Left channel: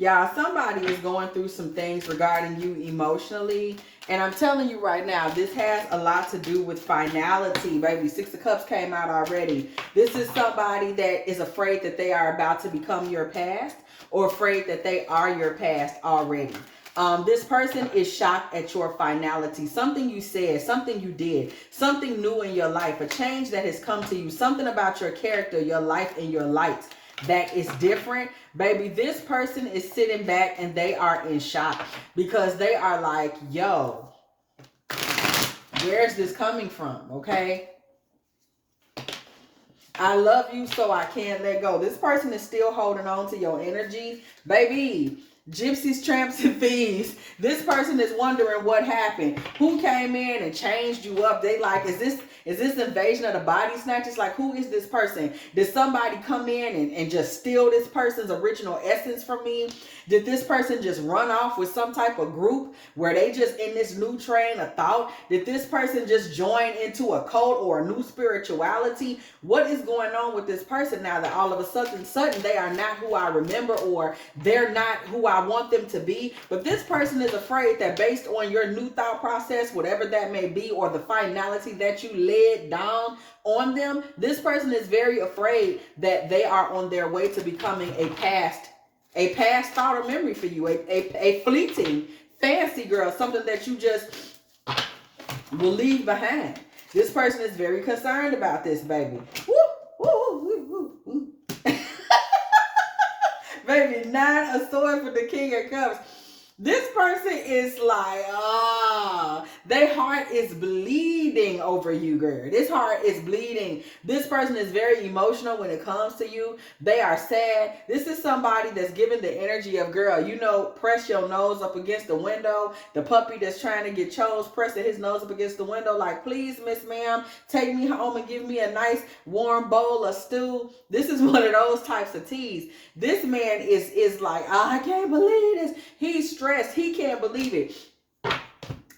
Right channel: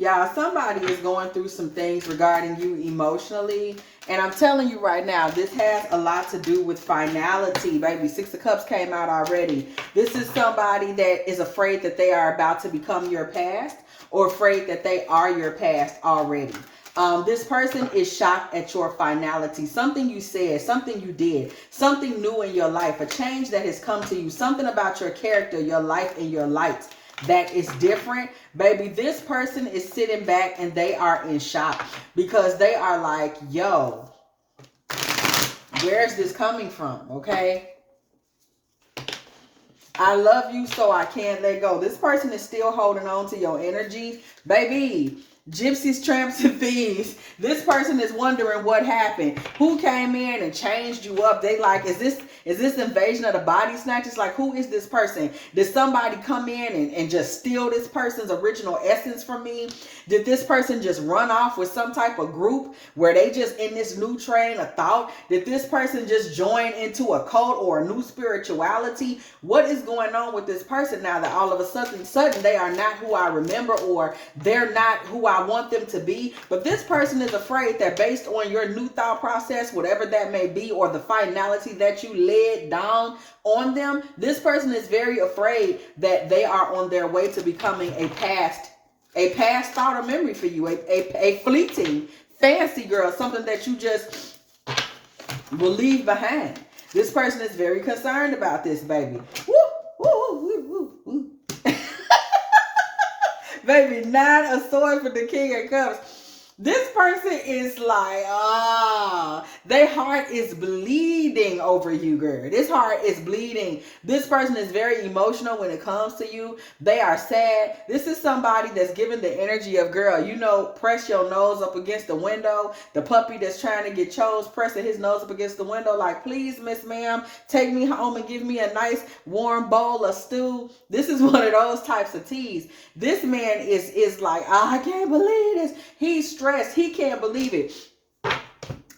Y'all, somebody is going through some things regarding you emotionally. And I'm telling you right now, this has a lot to do with finality, baby. Six of Cups came out already. This is somebody that is afraid that they are about to become your past, or afraid that they are your past already. This person is shocked at your finality. Something you said, something you did, something new in your life, a change that has come to you, something about your character, your life, and your light that is different. Baby, this person is sitting back and they are in shock because they are like, yo, where's this coming from? Okay. I love you, so I can't let go. This person is still holding on to your energy. Baby, gypsies, tramps, and thieves. This person is wondering what happened. Who came in and changed you up? They like, is this invasion of the body snatchers? Like, who is this person? Did somebody come in and just steal this person's original essence from me? Did this person just run off with some type of group where they just in this new train of thought? Did this person just join into a cult or a new spirituality? What is going on with this person now that all of a sudden they are not who I remember, or they're not who I want them to be? But this person is afraid that based on your new thought process, whatever that may be, or the finality that you laid down on them, this person is very afraid that they are on their way to becoming a past thought or memory for you, a fleeting fancy girl, something that you just will leave behind. This person is very concerned about this, baby. Woo, woo, woo, woo, woo. Baby, 9 of Swords with the King of Cups. This person is like, their heart is bleeding over you, girl. This heart is bleeding. This person is very emotional when it comes to you. They are sad. This is somebody that's giving the energy of, girl, you know, press your nose up against the window. The puppy that's trying to get chose, pressing his nose up against the window like, please, Miss Ma'am, take me home and give me a nice warm bowl of stew. This is one of those types of teas. This man is like, I can't believe this. He's stressed. He can't believe it.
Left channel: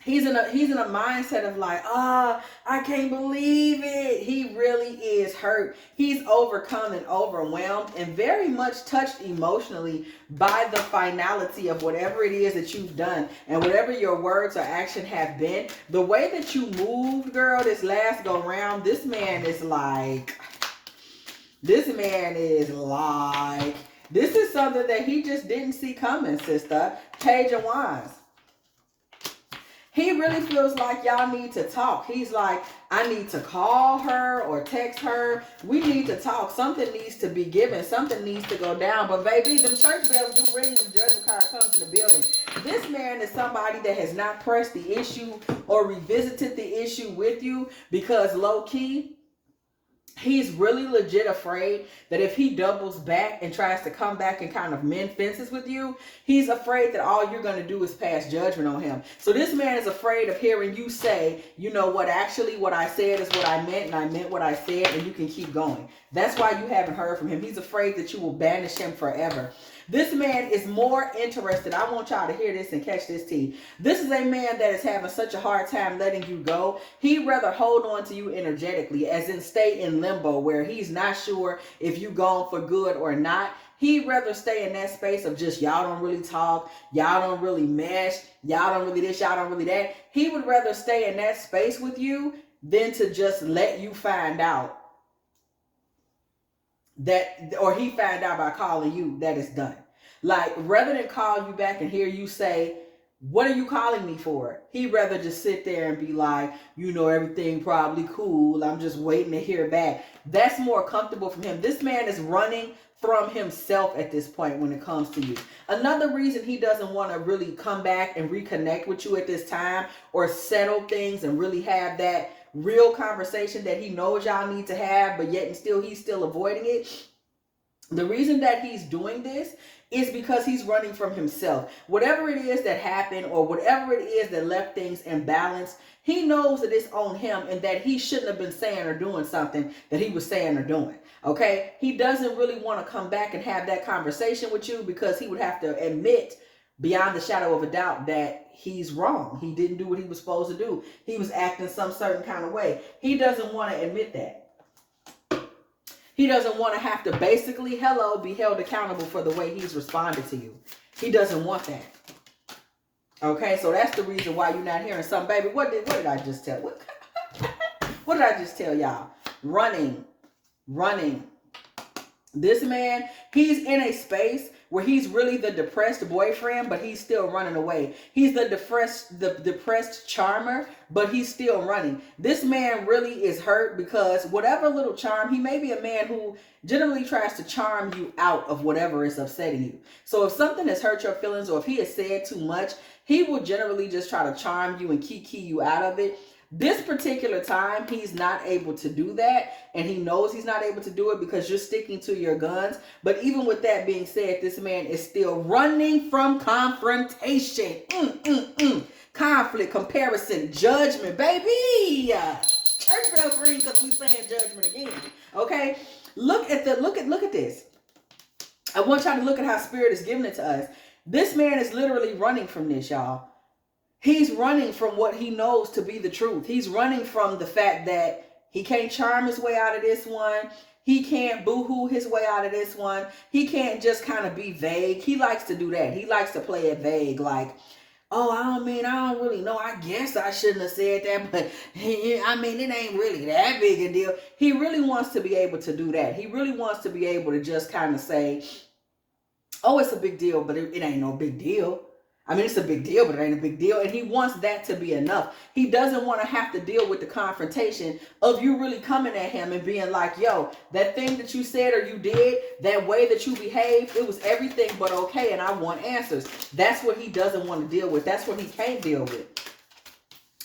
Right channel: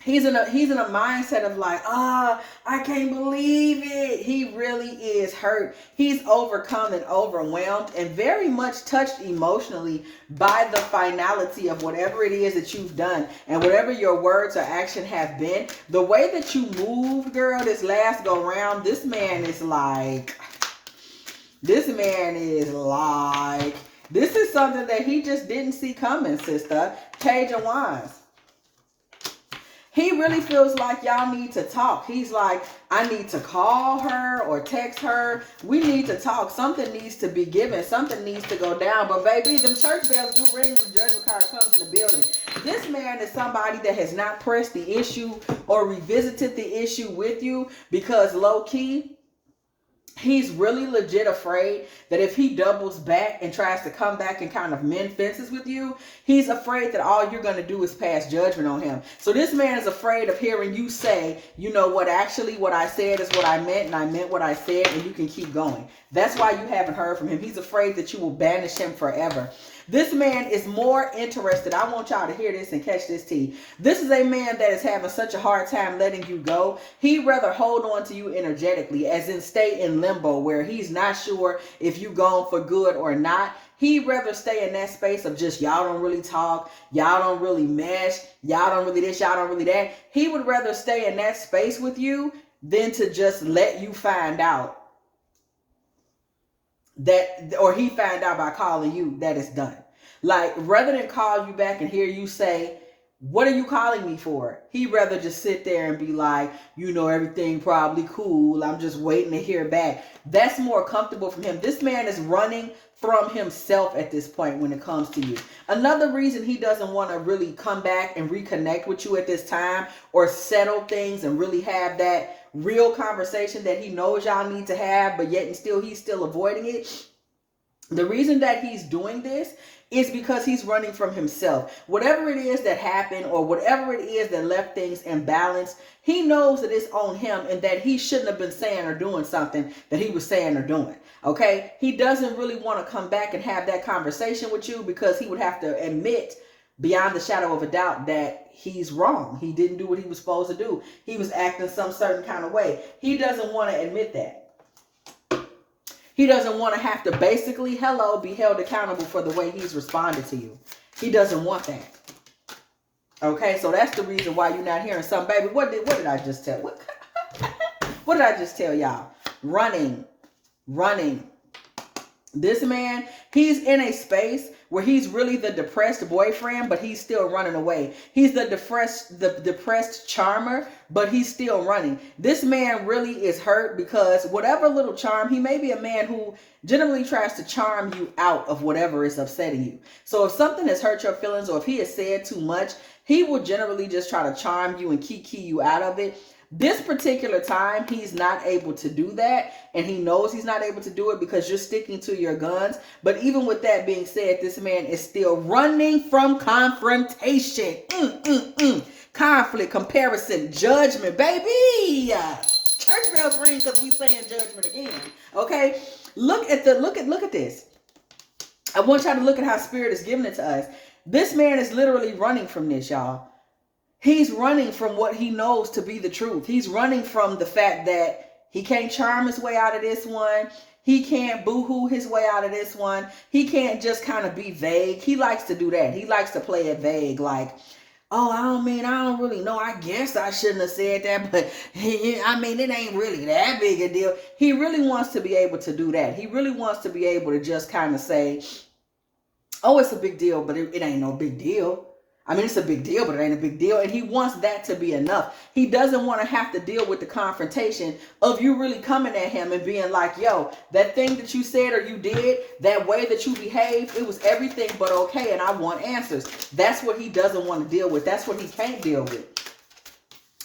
He's in a mindset of like, I can't believe it. He really is hurt. He's overcome and overwhelmed and very much touched emotionally by the finality of whatever it is that you've done and whatever your words or action have been. The way that you moved, girl, this last go round, this man is like, this is something that he just didn't see coming, sister. Page of Wands. He really feels like y'all need to talk. He's like, I need to call her or text her. We need to talk. Something needs to be given. Something needs to go down. But baby, them church bells do ring when the judgment card comes in the building. This man is somebody that has not pressed the issue or revisited the issue with you because low key, he's really legit afraid that if he doubles back and tries to come back and kind of mend fences with you, he's afraid that all you're going to do is pass judgment on him. So this man is afraid of hearing you say, you know what, actually what I said is what I meant and I meant what I said, and you can keep going. That's why you haven't heard from him. He's afraid that you will banish him forever. This man is more interested. I want y'all to hear this and catch this tea. This is a man that is having such a hard time letting you go. He'd rather hold on to you energetically, as in stay in limbo, where he's not sure if you gone for good or not. He'd rather stay in that space of just y'all don't really talk, y'all don't really mesh, y'all don't really this, y'all don't really that. He would rather stay in that space with you than to just let you find out that, or he found out by calling you that it's done. Like, rather than call you back and hear you say, what are you calling me for? He'd rather just sit there and be like, you know, everything probably cool. I'm just waiting to hear back. That's more comfortable for him. This man is running from himself at this point when it comes to you. Another reason he doesn't want to really come back and reconnect with you at this time or settle things and really have that real conversation that he knows y'all need to have, but yet and still he's still avoiding it. The reason that he's doing this is because he's running from himself. Whatever it is that happened or whatever it is that left things imbalanced, he knows that it's on him and that he shouldn't have been saying or doing something that he was saying or doing. Okay? He doesn't really want to come back and have that conversation with you because he would have to admit beyond the shadow of a doubt that he's wrong. He didn't do what he was supposed to do. He was acting some certain kind of way. He doesn't want to admit that. He doesn't want to have to basically, hello, be held accountable for the way he's responded to you. He doesn't want that. Okay, so that's the reason why you're not hearing something. Baby, what did I just tell? What did I just tell y'all? Running. This man, he's in a space where he's really the depressed boyfriend, but he's still running away. He's the depressed charmer, but he's still running. This man really is hurt because whatever little charm, he may be a man who generally tries to charm you out of whatever is upsetting you. So if something has hurt your feelings or if he has said too much, he will generally just try to charm you and key you out of it. This particular time, he's not able to do that, and he knows he's not able to do it because you're sticking to your guns. But even with that being said, this man is still running from confrontation. Conflict, comparison, judgment, baby. Church bell ring because we saying judgment again. Okay, look at this. I want y'all to look at how Spirit is giving it to us. This man is literally running from this, y'all. He's running from what he knows to be the truth. He's running from the fact that he can't charm his way out of this one. He can't boo-hoo his way out of this one. He can't just kind of be vague. He likes to do that. He likes to play it vague, like, oh, I don't really know. I guess I shouldn't have said that, but it ain't really that big a deal. He really wants to be able to do that. He really wants to be able to just kind of say, oh, it's a big deal, but it ain't no big deal. It's a big deal, but it ain't a big deal. And he wants that to be enough. He doesn't want to have to deal with the confrontation of you really coming at him and being like, yo, that thing that you said or you did, that way that you behaved, it was everything but okay, and I want answers. That's what he doesn't want to deal with. That's what he can't deal with.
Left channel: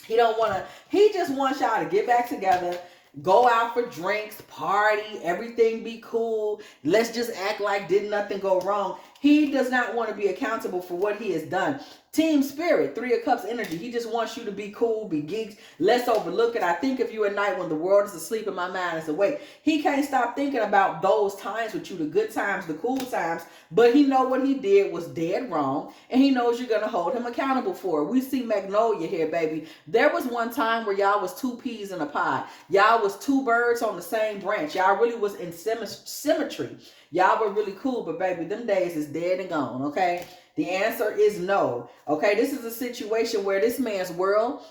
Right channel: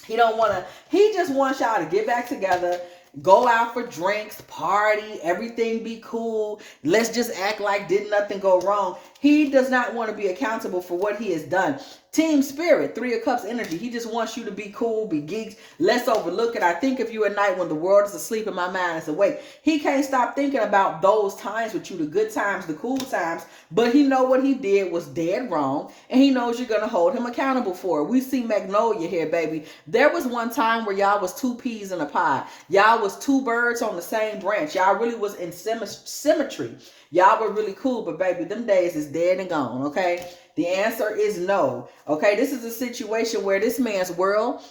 He just wants y'all to get back together, go out for drinks, party, everything be cool. Let's just act like did nothing go wrong. He does not want to be accountable for what he has done. Team Spirit, 3 of Cups energy. He just wants you to be cool, be geeks. Let's overlook it. I think of you at night when the world is asleep and my mind is awake. He can't stop thinking about those times with you, the good times, the cool times. But he know what he did was dead wrong. And he knows you're going to hold him accountable for it. We see Magnolia here, baby. There was one time where y'all was 2 peas in a pod. Y'all was 2 birds on the same branch. Y'all really was in symmetry. Y'all were really cool, but baby, them days is dead and gone, okay? The answer is no, okay? This is a situation where this man's world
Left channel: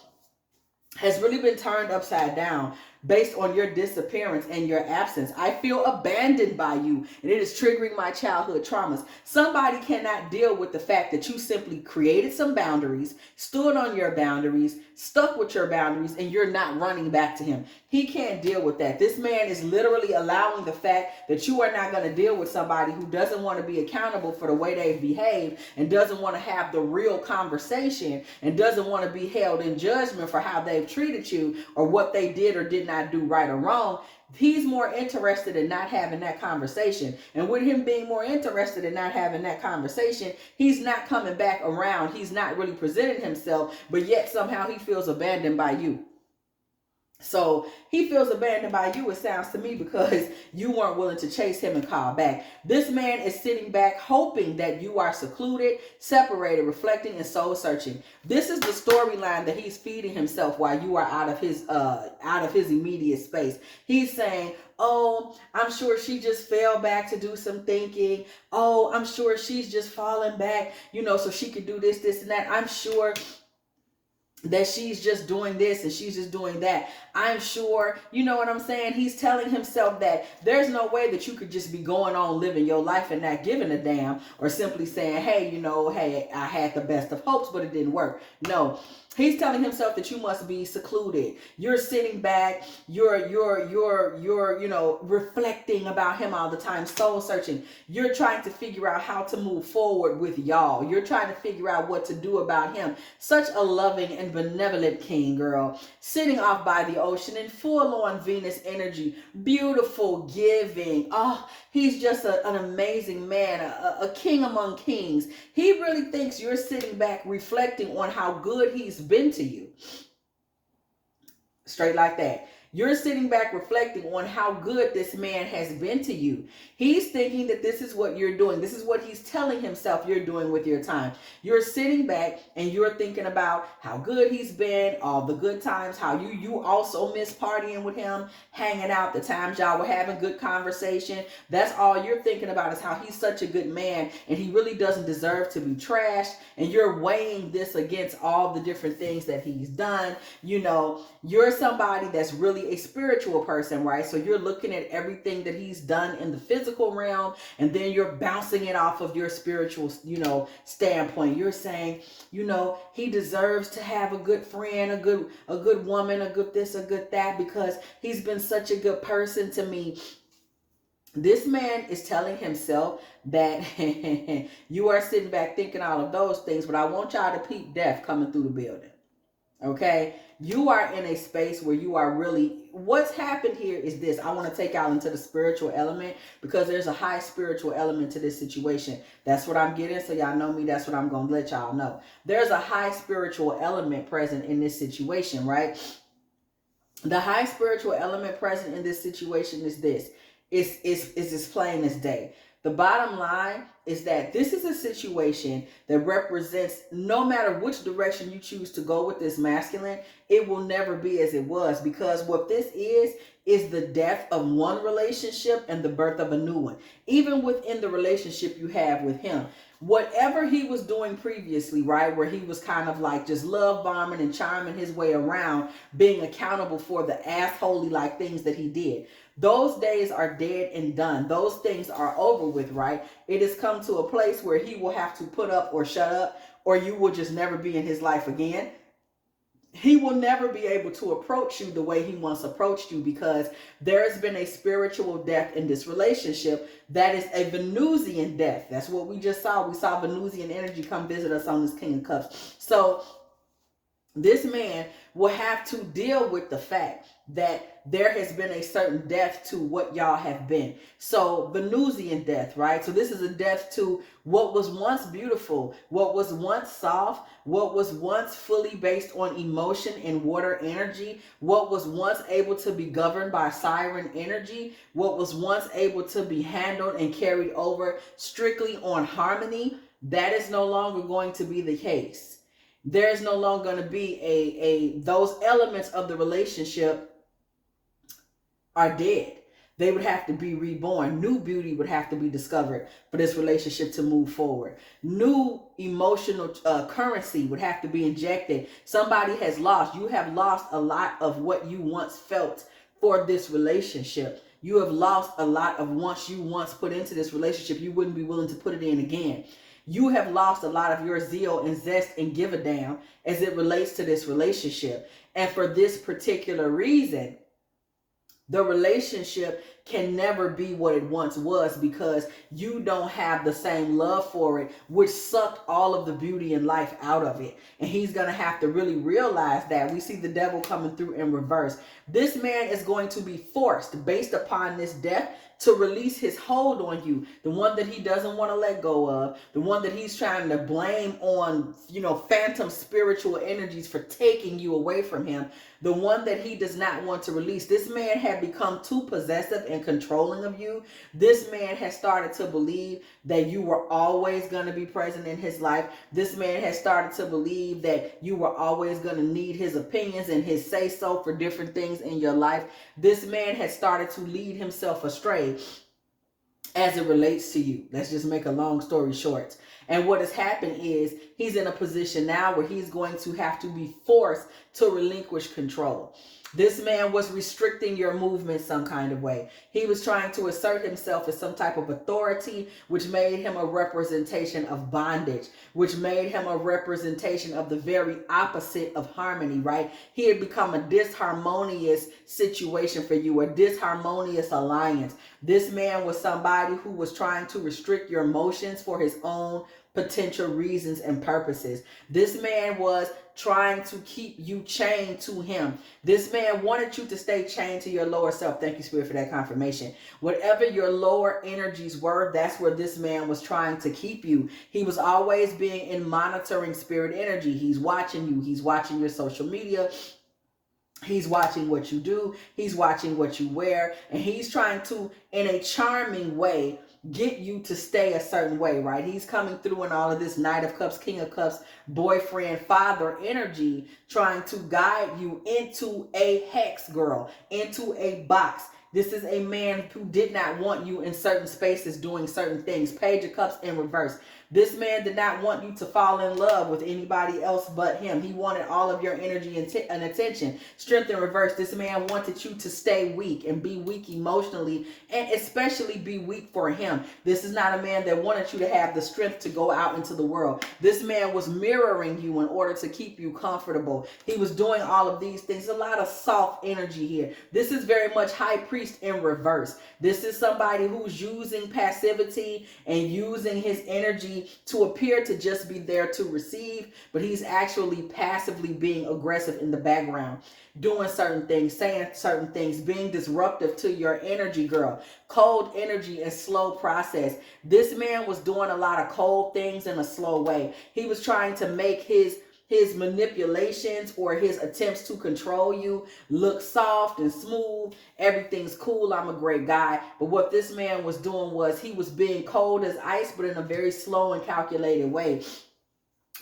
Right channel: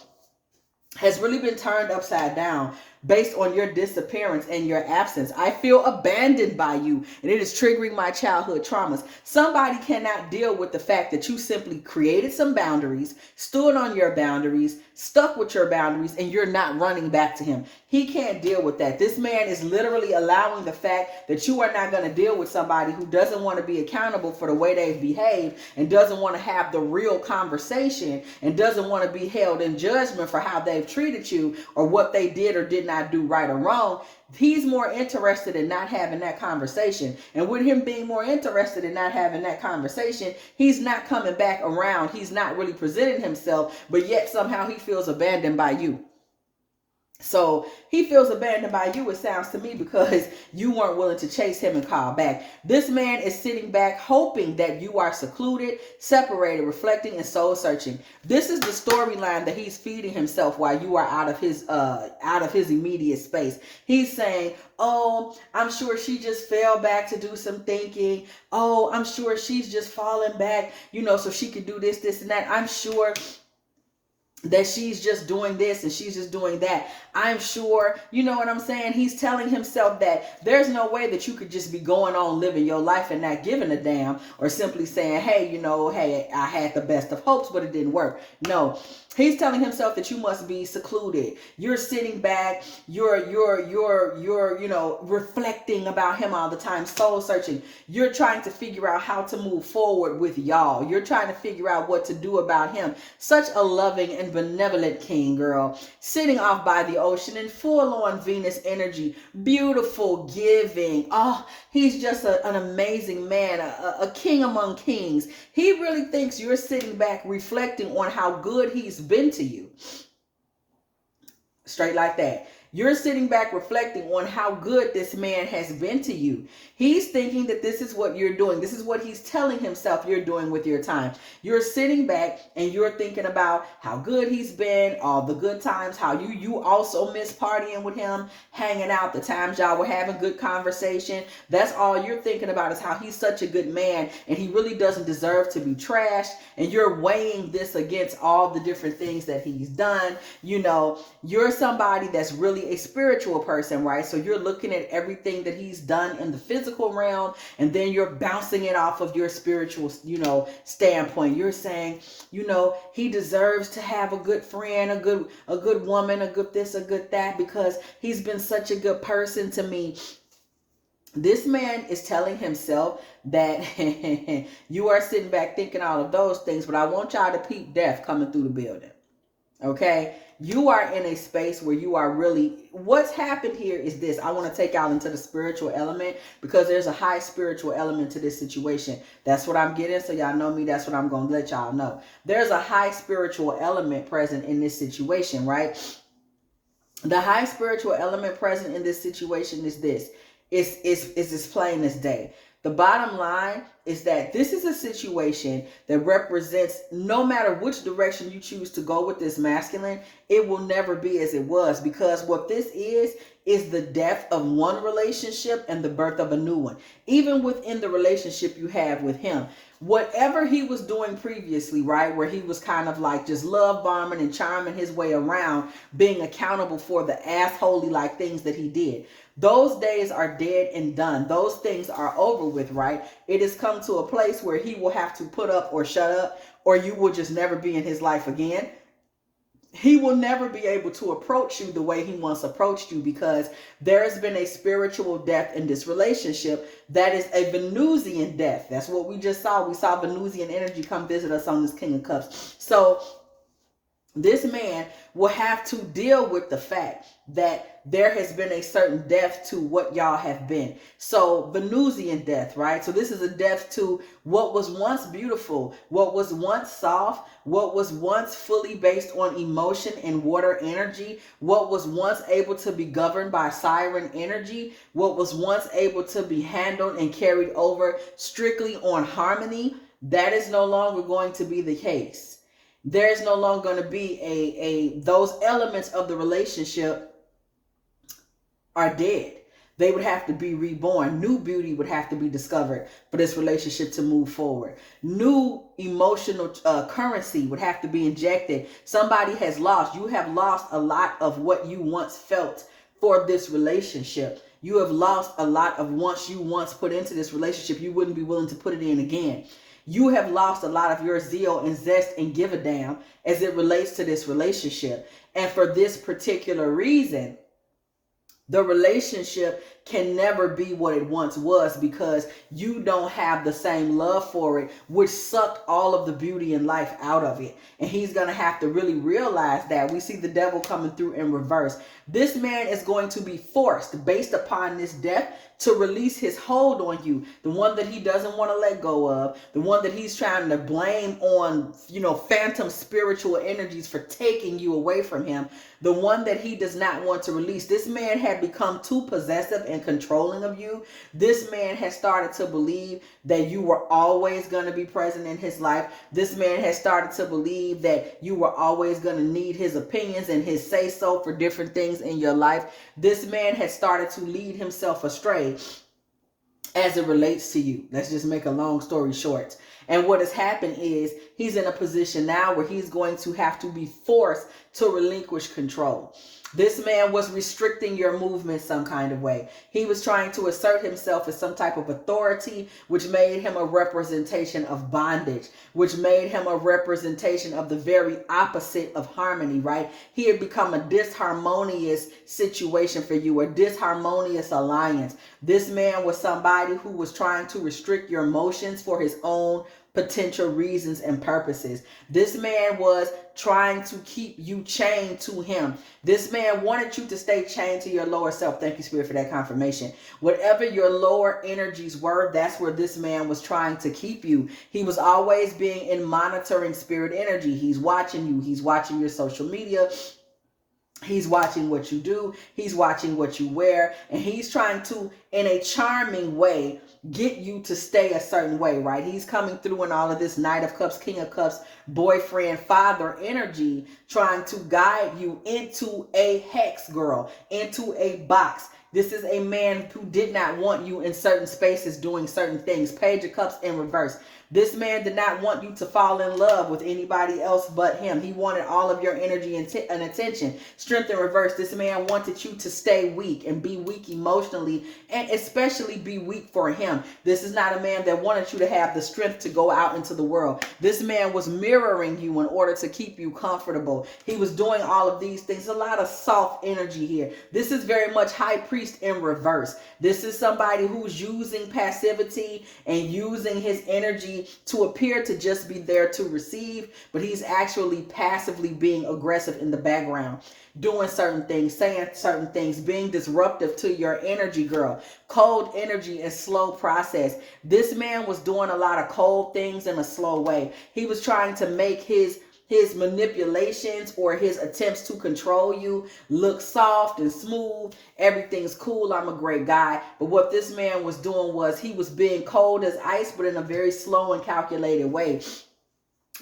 has really been turned upside down based on your disappearance and your absence. I feel abandoned by you, and it is triggering my childhood traumas. Somebody cannot deal with the fact that you simply created some boundaries, stood on your boundaries, stuck with your boundaries, and you're not running back to him. He can't deal with that. This man is literally allowing the fact that you are not going to deal with somebody who doesn't want to be accountable for the way they've behaved and doesn't want to have the real conversation and doesn't want to be held in judgment for how they've treated you or what they did or did not do right or wrong. He's more interested in not having that conversation. And with him being more interested in not having that conversation, he's not coming back around. He's not really presenting himself, but yet somehow he feels abandoned by you. So he feels abandoned by you, it sounds to me, because you weren't willing to chase him and call back. This man is sitting back hoping that you are secluded, separated, reflecting, and soul searching. This is the storyline that he's feeding himself while you are out of his immediate space. He's saying, oh, I'm sure she just fell back to do some thinking. Oh, I'm sure she's just falling back, so she could do this, and that. I'm sure that she's just doing this and she's just doing that. I'm sure, you know what I'm saying? He's telling himself that there's no way that you could just be going on living your life and not giving a damn, or simply saying, hey, hey, I had the best of hopes, but it didn't work. No, he's telling himself that you must be secluded. You're sitting back. You're reflecting about him all the time, soul searching. You're trying to figure out how to move forward with y'all. You're trying to figure out what to do about him. Such a loving and benevolent king, girl, sitting off by the ocean in full-on Venus energy, beautiful, giving. Oh, he's just an amazing man, a king among kings. He really thinks you're sitting back reflecting on how good he's been to you. Straight like that. You're sitting back reflecting on how good this man has been to you. He's thinking that this is what you're doing. This is what he's telling himself you're doing with your time. You're sitting back and you're thinking about how good he's been, all the good times, how you also miss partying with him, hanging out, the times y'all were having good conversation. That's all you're thinking about, is how he's such a good man and he really doesn't deserve to be trashed. And you're weighing this against all the different things that he's done. You know, you're somebody that's really a spiritual person, right? So you're looking at everything that he's done in the physical realm, and then you're bouncing it off of your spiritual, standpoint. You're saying, he deserves to have a good friend, a good woman, a good this, a good that, because he's been such a good person to me. This man is telling himself that you are sitting back thinking all of those things, but I want y'all to peep death coming through the building. Okay? You are in a space where you are really, what's happened here is this. I want to take y'all into the spiritual element, because there's a high spiritual element to this situation. That's what I'm getting. So y'all know me. That's what I'm going to let y'all know. There's a high spiritual element present in this situation, right? The high spiritual element present in this situation is this. It's as plain as day. The bottom line is that this is a situation that represents, no matter which direction you choose to go with this masculine, it will never be as it was, because what this is the death of one relationship and the birth of a new one. Even within the relationship you have with him, whatever he was doing previously, right, where he was kind of like just love bombing and charming his way around, being accountable for the assholey like things that he did, those days are dead and done. Those things are over with, right? It has come to a place where he will have to put up or shut up, or you will just never be in his life again. He will never be able to approach you the way he once approached you, because there has been a spiritual death in this relationship that is a Venusian death. That's what we just saw. We saw Venusian energy come visit us on this King of Cups. So this man will have to deal with the fact that there has been a certain death to what y'all have been. So Venusian death, right? So this is a death to what was once beautiful, what was once soft, what was once fully based on emotion and water energy, what was once able to be governed by siren energy, what was once able to be handled and carried over strictly on harmony. That is no longer going to be the case. There's no longer going to be those elements of the relationship are dead. They would have to be reborn. New beauty would have to be discovered for this relationship to move forward. New emotional currency would have to be injected. Somebody has lost. You have lost a lot of what you once felt for this relationship. You have lost a lot of you once put into this relationship. You wouldn't be willing to put it in again. You have lost a lot of your zeal and zest and give a damn as it relates to this relationship. And for this particular reason, the relationship can never be what it once was, because you don't have the same love for it, which sucked all of the beauty and life out of it. And he's going to have to really realize that. We see the devil coming through in reverse. This man is going to be forced, based upon this death, to release his hold on you, the one that he doesn't want to let go of, the one that he's trying to blame on, phantom spiritual energies for taking you away from him, the one that he does not want to release. This man had become too possessive and controlling of you. This man has started to believe that you were always going to be present in his life. This man has started to believe that you were always going to need his opinions and his say-so for different things in your life. This man has started to lead himself astray as it relates to you. Let's just make a long story short. And what has happened is he's in a position now where he's going to have to be forced to relinquish control. This man was restricting your movement some kind of way. He was trying to assert himself as some type of authority, which made him a representation of bondage, which made him a representation of the very opposite of harmony, right? He had become a disharmonious situation for you, a disharmonious alliance. This man was somebody who was trying to restrict your emotions for his own potential reasons and purposes. This man was trying to keep you chained to him. This man wanted you to stay chained to your lower self. Thank you, Spirit, for that confirmation. Whatever your lower energies were, that's where this man was trying to keep you. He was always being in monitoring spirit energy. He's watching you. He's watching your social media. He's watching what you do. He's watching what you wear. And he's trying to, in a charming way, get you to stay a certain way, right? He's coming through in all of this Knight of Cups, King of Cups, boyfriend, father energy, trying to guide you into a hex, girl, into a box. This is a man who did not want you in certain spaces doing certain things. Page of Cups in reverse. This man did not want you to fall in love with anybody else but him. He wanted all of your energy and attention. Strength in reverse. This man wanted you to stay weak and be weak emotionally, and especially be weak for him. This is not a man that wanted you to have the strength to go out into the world. This man was mirroring you in order to keep you comfortable. He was doing all of these things. A lot of soft energy here. This is very much High Priest in reverse. This is somebody who's using passivity and using his energy to appear to just be there to receive, but he's actually passively being aggressive in the background, doing certain things, saying certain things, being disruptive to your energy, girl. Cold energy and slow process. This man was doing a lot of cold things in a slow way. He was trying to make his manipulations or his attempts to control you look soft and smooth. Everything's cool. I'm a great guy. But what this man was doing was he was being cold as ice, but in a very slow and calculated way.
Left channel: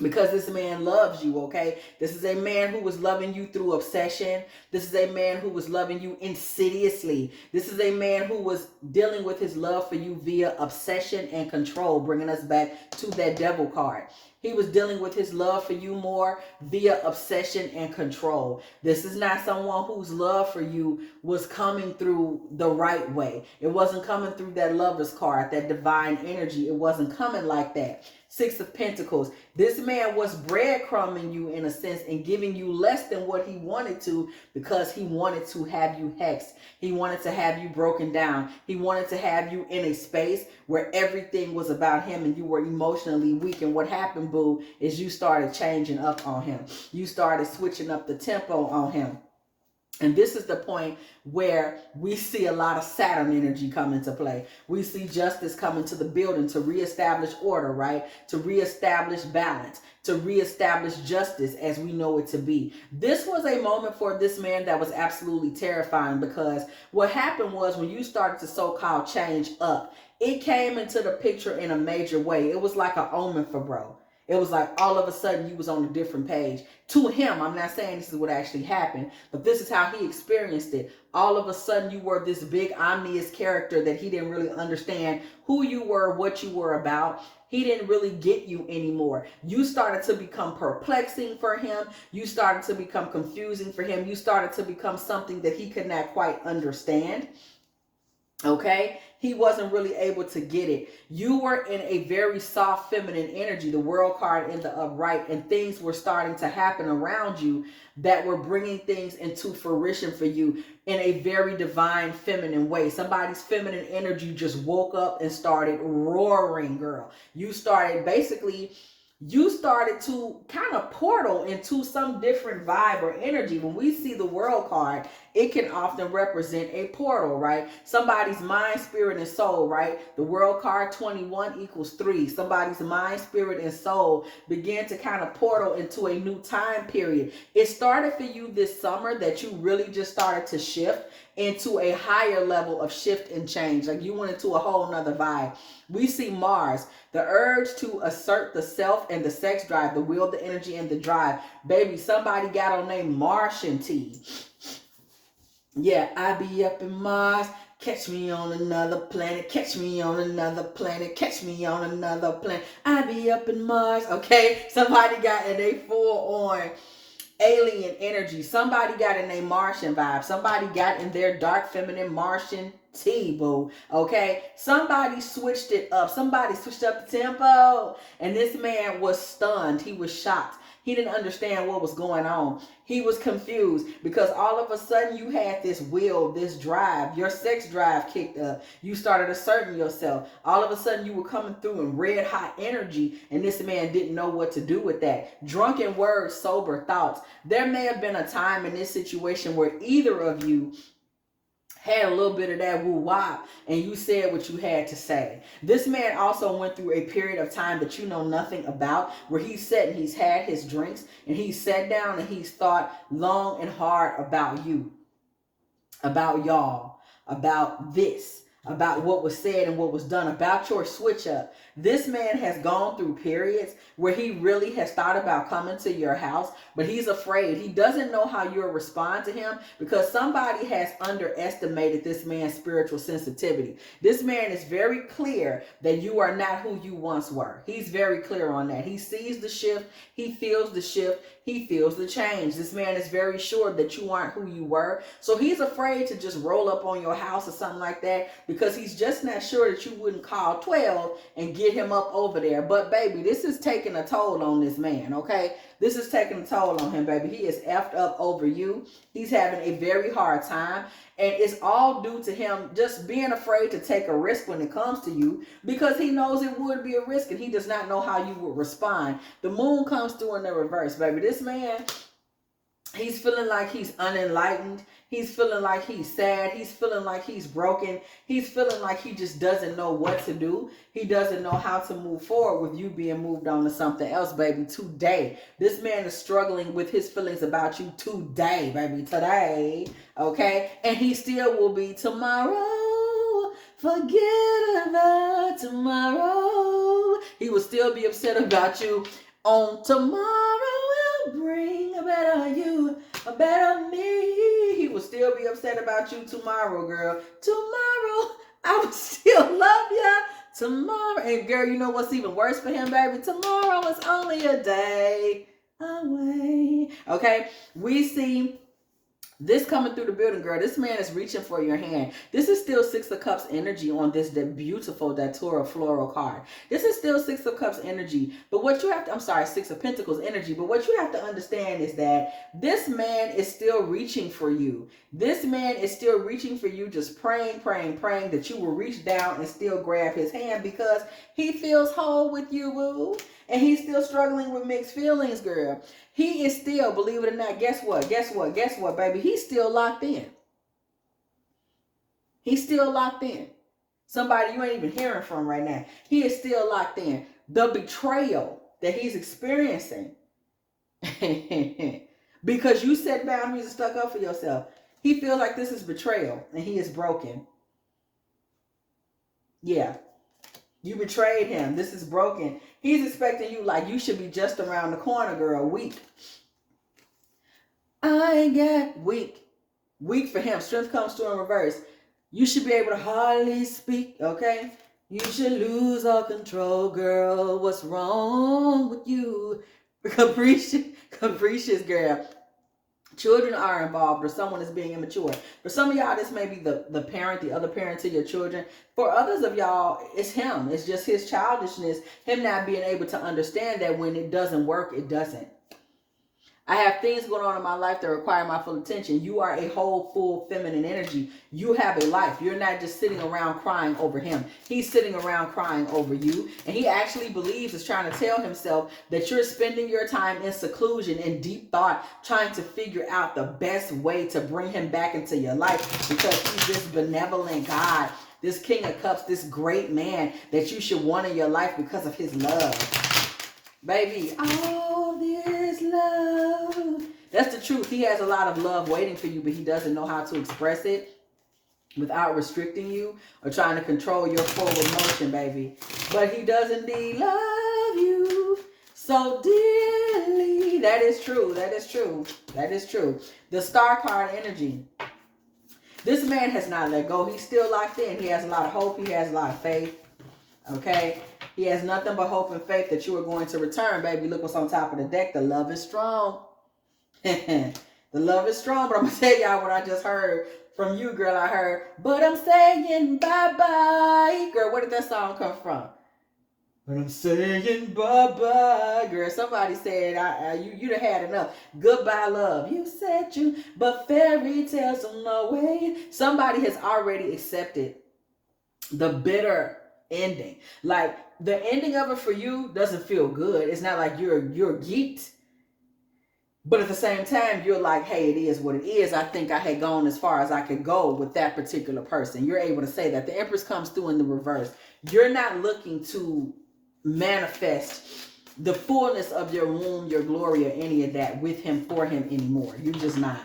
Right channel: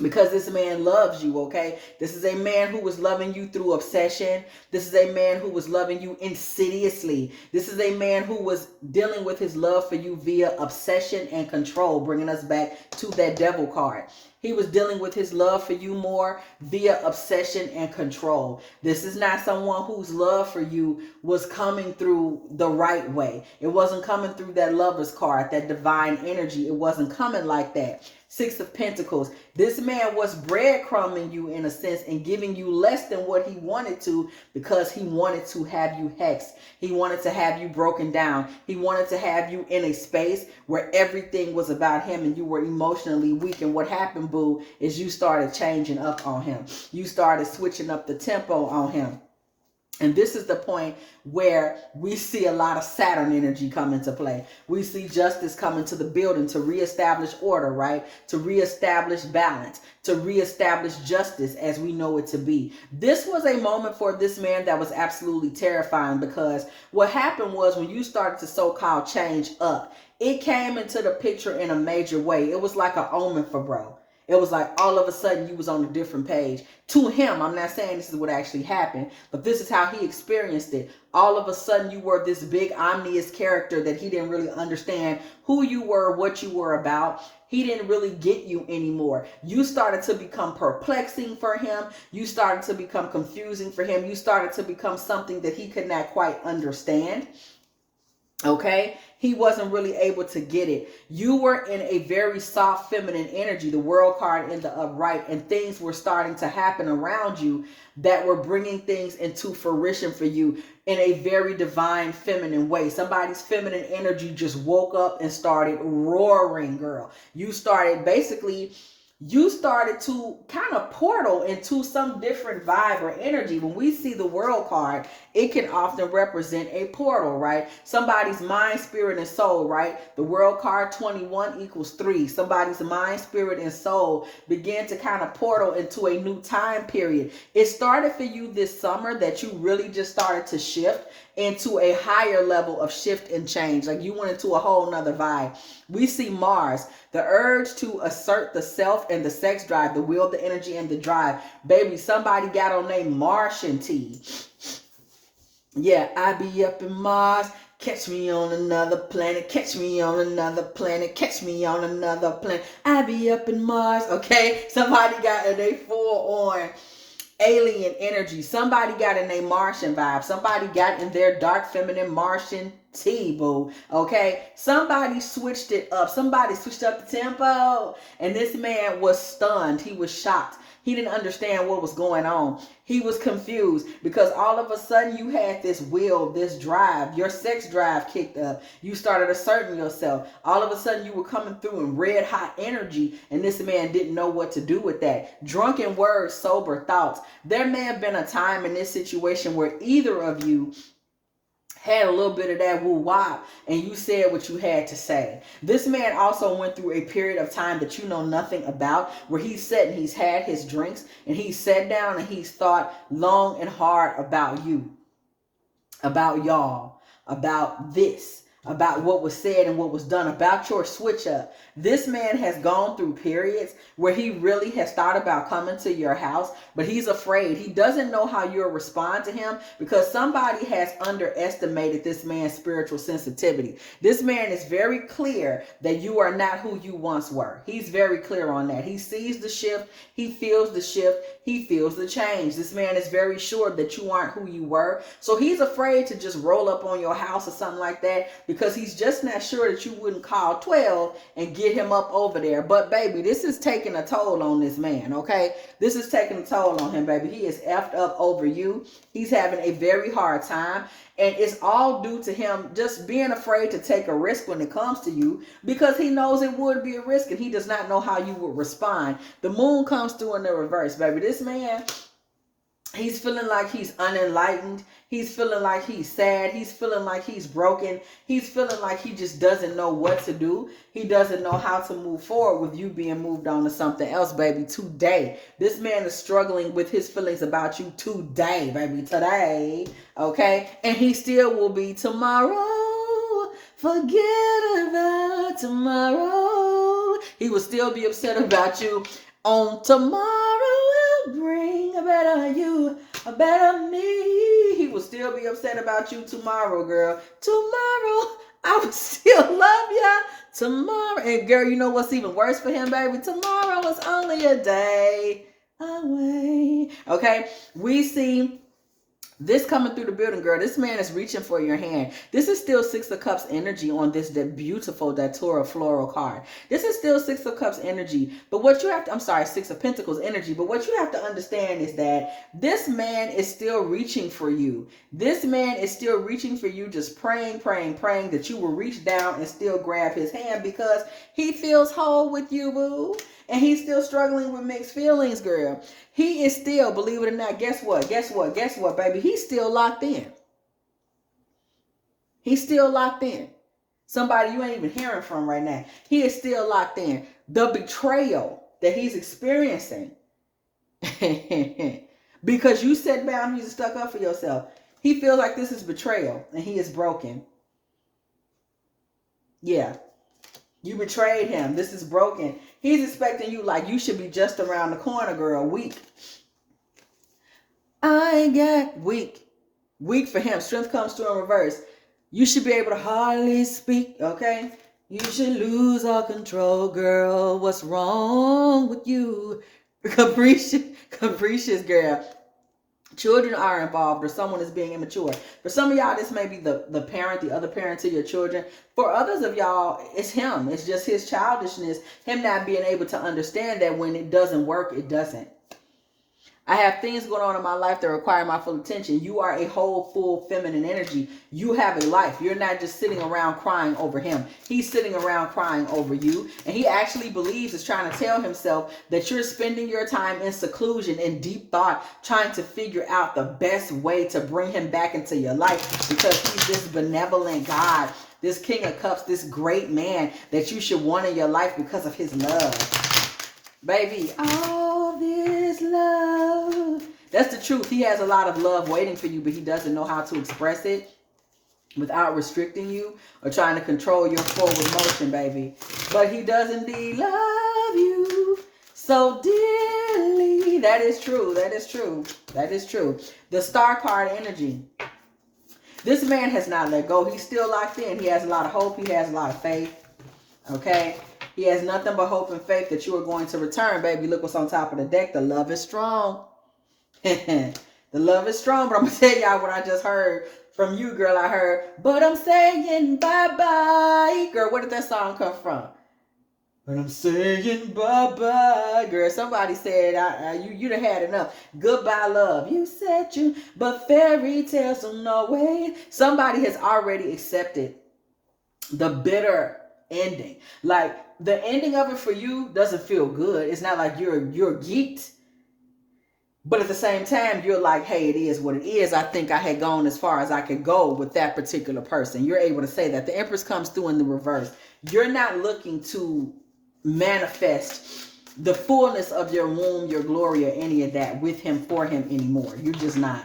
Because this man loves you, okay? This is a man who was loving you through obsession. This is a man who was loving you insidiously. This is a man who was dealing with his love for you via obsession and control, bringing us back to that devil card. He was dealing with his love for you more via obsession and control. This is not someone whose love for you was coming through the right way. It wasn't coming through that lover's card, that divine energy. It wasn't coming like that. Six of Pentacles. This man was breadcrumbing you in a sense and giving you less than what he wanted to, because he wanted to have you hexed. He wanted to have you broken down. He wanted to have you in a space where everything was about him and you were emotionally weak. And what happened, boo, is you started changing up on him. You started switching up the tempo on him. And this is the point where we see a lot of Saturn energy come into play. We see justice come into the building to reestablish order, right? To reestablish balance, to reestablish justice as we know it to be. This was a moment for this man that was absolutely terrifying, because what happened was when you started to so-called change up, it came into the picture in a major way. It was like an omen for bro. It was like all of a sudden you was on a different page. To him, I'm not saying this is what actually happened, but this is how he experienced it. All of a sudden you were this big omnious character that he didn't really understand who you were, what you were about. He didn't really get you anymore. You started to become perplexing for him. You started to become confusing for him. You started to become something that he could not quite understand. Okay? He wasn't really able to get it. You were in a very soft feminine energy, the world card in the upright, and things were starting to happen around you that were bringing things into fruition for you in a very divine feminine way. Somebody's feminine energy just woke up and started roaring, girl. You started to kind of portal into some different vibe or energy. When we see the world card, it can often represent a portal, right? Somebody's mind, spirit, and soul, right? The world card 21 equals 3. Somebody's mind, spirit, and soul began to kind of portal into a new time period. It started for you this summer that you really just started to shift into a higher level of shift and change. Like you went into a whole nother vibe. We see Mars, the urge to assert the self and the sex drive, the will, the energy, and the drive. Baby, somebody got on their Martian tea. Yeah, I be up in Mars. Catch me on another planet. Catch me on another planet. Catch me on another planet. I be up in Mars. Okay, somebody got in a full on alien energy. Somebody got in a Martian vibe. Somebody got in their dark feminine Martian tea, boo. Okay, somebody switched it up. Somebody switched up the tempo, and this man was stunned. He was shocked. He didn't understand what was going on. He was confused because all of a sudden you had this will, this drive. Your sex drive kicked up. You started asserting yourself. All of a sudden you were coming through in red hot energy, and this man didn't know what to do with that. Drunken words, sober thoughts. There may have been a time in this situation where either of you had a little bit of that woo-wop, and you said what you had to say. This man also went through a period of time that you know nothing about, where he's sat and he's had his drinks, and he's sat down and he's thought long and hard about you, about y'all, about this, about what was said and what was done, about your switch up. This man has gone through periods where he really has thought about coming to your house, but he's afraid. He doesn't know how you'll respond to him because somebody has underestimated this man's spiritual sensitivity. This man is very clear that you are not who you once were. He's very clear on that. He sees the shift. He feels the shift. He feels the change. This man is very sure that you aren't who you were. So he's afraid to just roll up on your house or something like that because he's just not sure that you wouldn't call 12 and get him up over there. But baby, this is taking a toll on this man, okay? This is taking a toll on him, baby. He is effed up over you. He's having a very hard time. And it's all due to him just being afraid to take a risk when it comes to you because he knows it would be a risk and he does not know how you would respond. The moon comes through in the reverse, baby. This man, he's feeling like he's unenlightened. He's feeling like he's sad. He's feeling like he's broken. He's feeling like he just doesn't know what to do. He doesn't know how to move forward with you being moved on to something else, baby, today. This man is struggling with his feelings about you today, baby, today, okay? And he still will be tomorrow. Forget about tomorrow. He will still be upset about you on tomorrow. Will bring a better you, a better me. He will still be upset about you tomorrow, girl. Tomorrow, I will still love ya. Tomorrow, and girl, you know what's even worse for him, baby? Tomorrow is only a day away. Okay, we see this coming through the building, girl. This man is reaching for your hand. This is still Six of Cups energy on this beautiful Datura floral card. This is still Six of Cups energy. But what you have to, I'm sorry, Six of Pentacles energy. But what you have to understand is that this man is still reaching for you. This man is still reaching for you, just praying, praying, praying that you will reach down and still grab his hand because he feels whole with you, boo. And he's still struggling with mixed feelings, girl. He is still, believe it or not, guess what? Guess what? Guess what, baby? He's still locked in. He's still locked in. Somebody you ain't even hearing from right now. He is still locked in. The betrayal that he's experiencing because you set boundaries and stuck up for yourself. He feels like this is betrayal and he is broken. Yeah. You betrayed him. This is broken. He's expecting you like you should be just around the corner, girl. Weak. I got weak. Weak for him. Strength comes through in reverse. You should be able to hardly speak, okay? You should lose all control, girl. What's wrong with you? Capricious, girl. Children are involved or someone is being immature. For some of y'all, this may be the parent, the other parent to your children. For others of y'all, it's him. It's just his childishness, him not being able to understand that when it doesn't work, it doesn't. I have things going on in my life that require my full attention. You are a whole, full feminine energy. You have a life. You're not just sitting around crying over him. He's sitting around crying over you. And he actually believes, is trying to tell himself that you're spending your time in seclusion, in deep thought, trying to figure out the best way to bring him back into your life because he's this benevolent God, this King of Cups, this great man that you should want in your life because of his love. Baby, all this love. That's the truth. He has a lot of love waiting for you, but he doesn't know how to express it without restricting you or trying to control your forward motion, baby. But he does indeed love you so dearly. That is true. That is true. That is true. The Star card energy. This man has not let go. He's still locked in. He has a lot of hope. He has a lot of faith. Okay? He has nothing but hope and faith that you are going to return, baby. Look what's on top of the deck. The love is strong. The love is strong. But I'm going to tell y'all what I just heard from you, girl. I heard, but I'm saying bye-bye. Girl, where did that song come from? But I'm saying bye-bye. Girl, somebody said, you done had enough. Goodbye, love. You said you, but fairy tales don't no way. Somebody has already accepted the bitter ending. Like, the ending of it for you doesn't feel good. It's not like you're geeked. But at the same time, you're like, hey, it is what it is. I think I had gone as far as I could go with that particular person. You're able to say that. The Empress comes through in the reverse. You're not looking to manifest the fullness of your womb, your glory, or any of that with him, for him anymore. You're just not.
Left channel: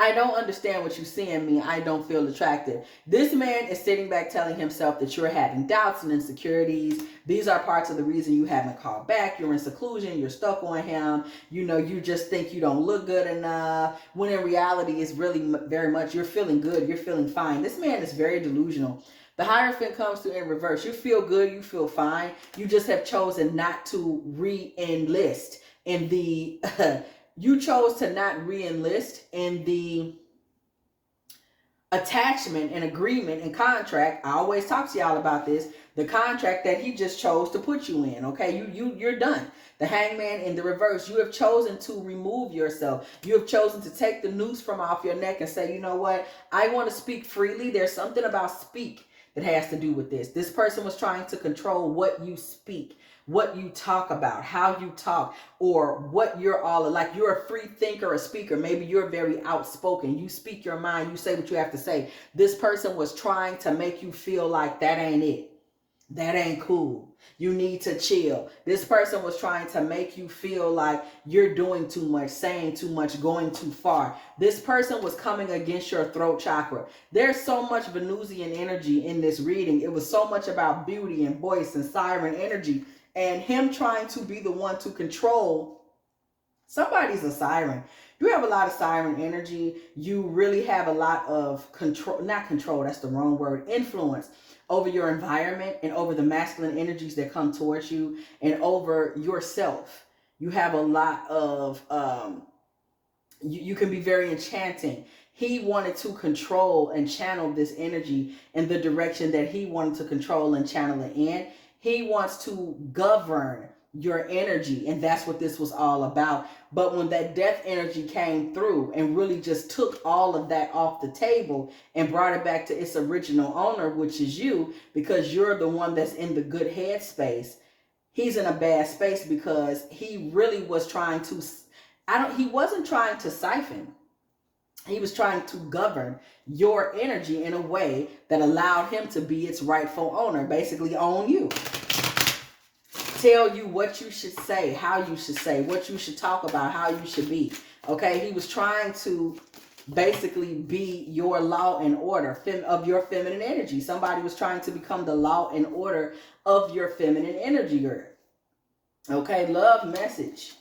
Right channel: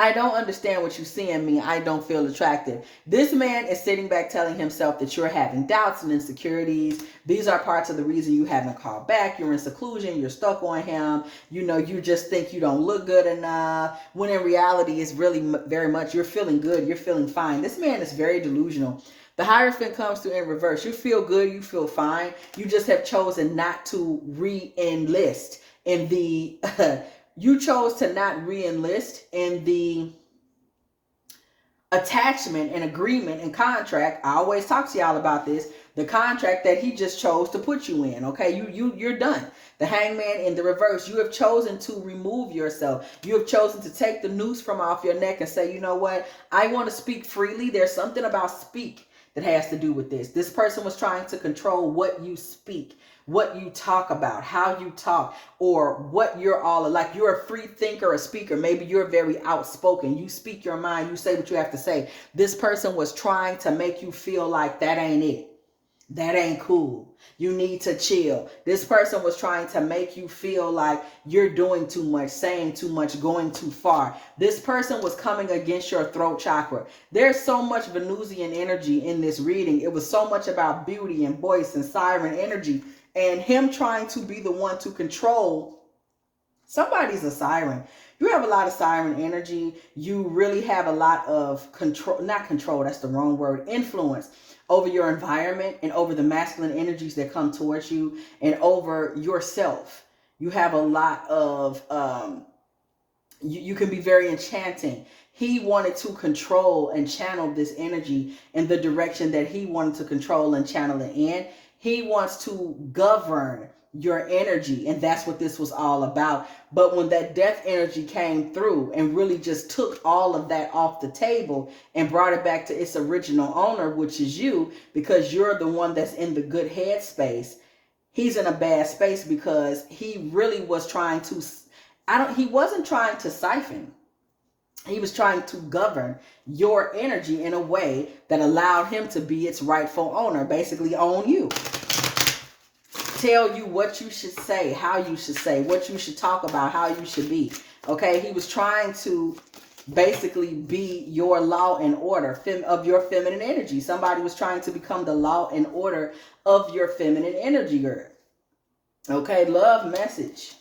I don't understand what you see in me. I don't feel attractive. This man is sitting back telling himself that you're having doubts and insecurities. These are parts of the reason you haven't called back. You're in seclusion. You're stuck on him. You know, you just think you don't look good enough. When in reality, it's really very much you're feeling good. You're feeling fine. This man is very delusional. The Hierophant comes through in reverse. You feel good. You feel fine. You just have chosen not to re-enlist in the... You chose to not re-enlist in the attachment and agreement and contract. I always talk to y'all about this. The contract that he just chose to put you in. Okay, you're done. The Hangman in the reverse. You have chosen to remove yourself. You have chosen to take the noose from off your neck and say, you know what? I want to speak freely. There's something about speak that has to do with this. This person was trying to control what you speak, what you talk about, how you talk, or what you're all like. You're a free thinker, a speaker. Maybe you're very outspoken. You speak your mind. You say what you have to say. This person was trying to make you feel like that ain't it. That ain't cool. You need to chill. This person was trying to make you feel like you're doing too much, saying too much, going too far. This person was coming against your throat chakra. There's so much Venusian energy in this reading. It was so much about beauty and voice and siren energy. And him trying to be the one to control. Somebody's a siren. You have a lot of siren energy. You really have a lot of control, not control, that's the wrong word, influence over your environment and over the masculine energies that come towards you and over yourself. You have a lot of, you can be very enchanting. He wanted to control and channel this energy in the direction that he wanted to control and channel it in. He wants to govern your energy, and that's what this was all about. But when that death energy came through and really just took all of that off the table and brought it back to its original owner, which is you, because you're the one that's in the good headspace, he's in a bad space because he really was trying to, he wasn't trying to siphon. He was trying to govern your energy in a way that allowed him to be its rightful owner, basically own you. Tell you what you should say, how you should say, what you should talk about, how you should be. Okay, he was trying to basically be your law and order of your feminine energy. Somebody was trying to become the law and order of your feminine energy, girl. Okay, love message.